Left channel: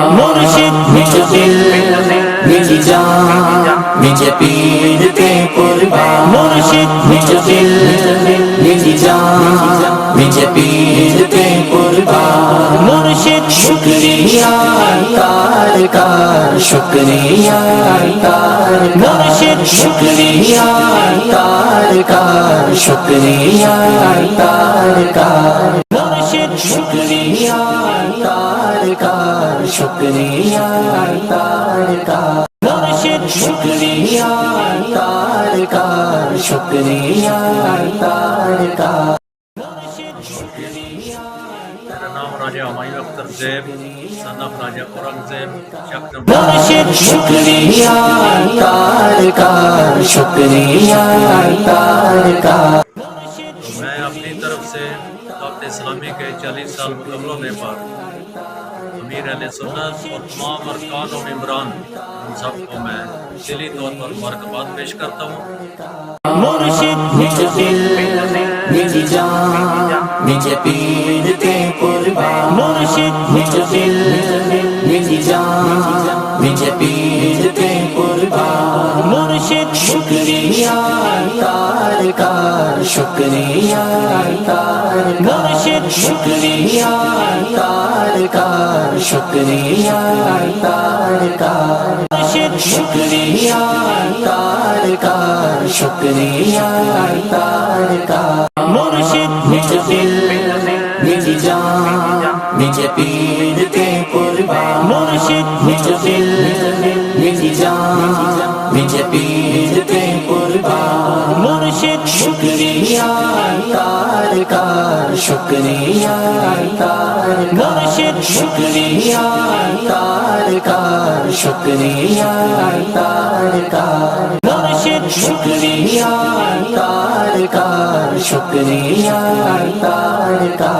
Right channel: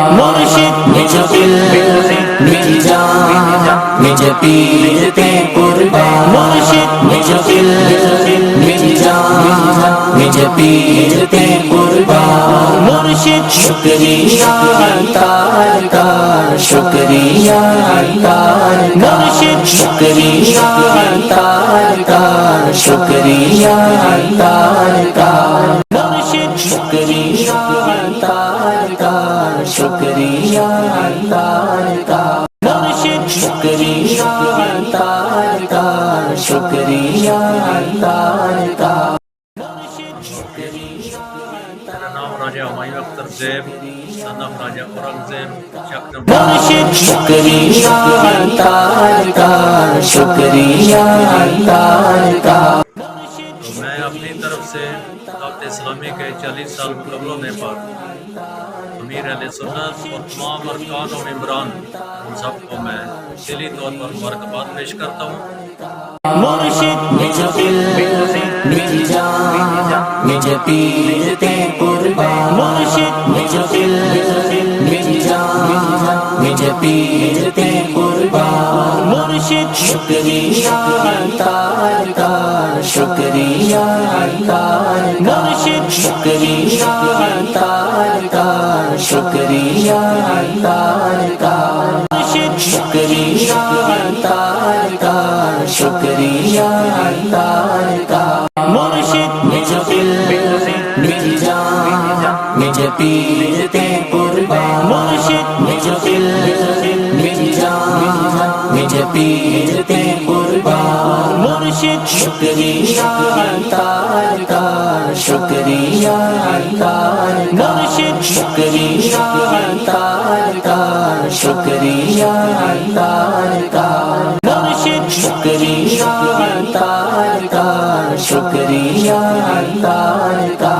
مرشد مجھے دل میری جان مجھے پیر پہ قربان مرشد مجھے دل میری جان مجھے پیر پہ قربان مرشد شکریہ تار کا شکریہ تار مرشد شکریہ تار کا شکریہ تار کا مرشد شکریہ تار کا شکریہ تار کا مرشد شکریہ تار کا شکریہ تار کا میرا نام راجہ ہمایوں اختر زیب son of راجہ اورنگزیب مرشد شکریہ تار کا شکریہ تار کا تو میں اپنی طرف سے دعوت اسلامی کے 40 سال مکمل ہونے پر امیر اہل سنت اور تمام ارکان و ممبران ان سب کو میں دلی طور پر مبارکباد پیش کرتا ہوں۔ مرشد مجھے دل میری جان مجھے پیر پہ قربان مرشد مجھے دل میری جان مجھے پیر پہ قربان مرشد شکریہ تار کا شکریہ تار مرشد شکریہ تار کا شکریہ تار کا مرشد شکریہ تار کا شکریہ تار کا مرشد مجھے دل میری جان مجھے پیر پہ قربان مرشد مجھے دل میری جان مجھے پیر پہ قربان مرشد شکریہ تار کا شکریہ تار مرشد شکریہ تار کا شکریہ تار کا مرشد شکریہ تار کا شکریہ تار کا